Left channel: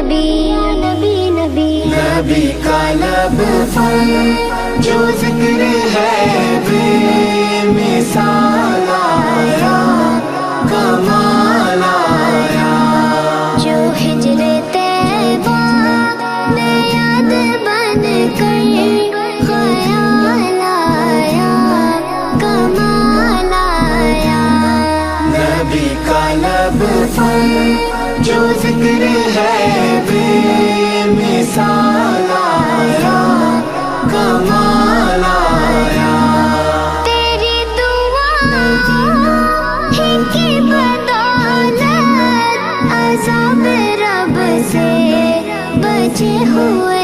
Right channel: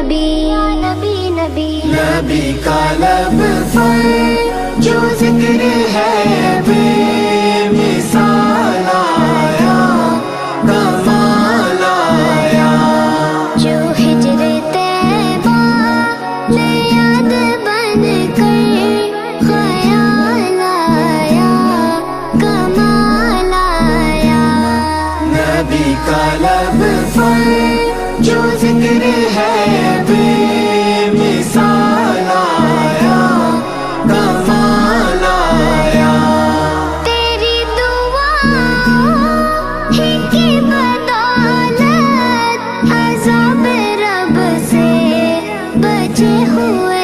نبی نبی کا لب پر جو ذکر ہے بے مثال آیا، کمال آیا، جو ہجر طیبہ میں یاد بن کر خیال آیا، کمال آیا، نبی کا لب پر جو ذکر ہے بے مثال آیا، کمال آیا، تیری دعا ہی کی بدولت عذاب رب سے بچے ہوئے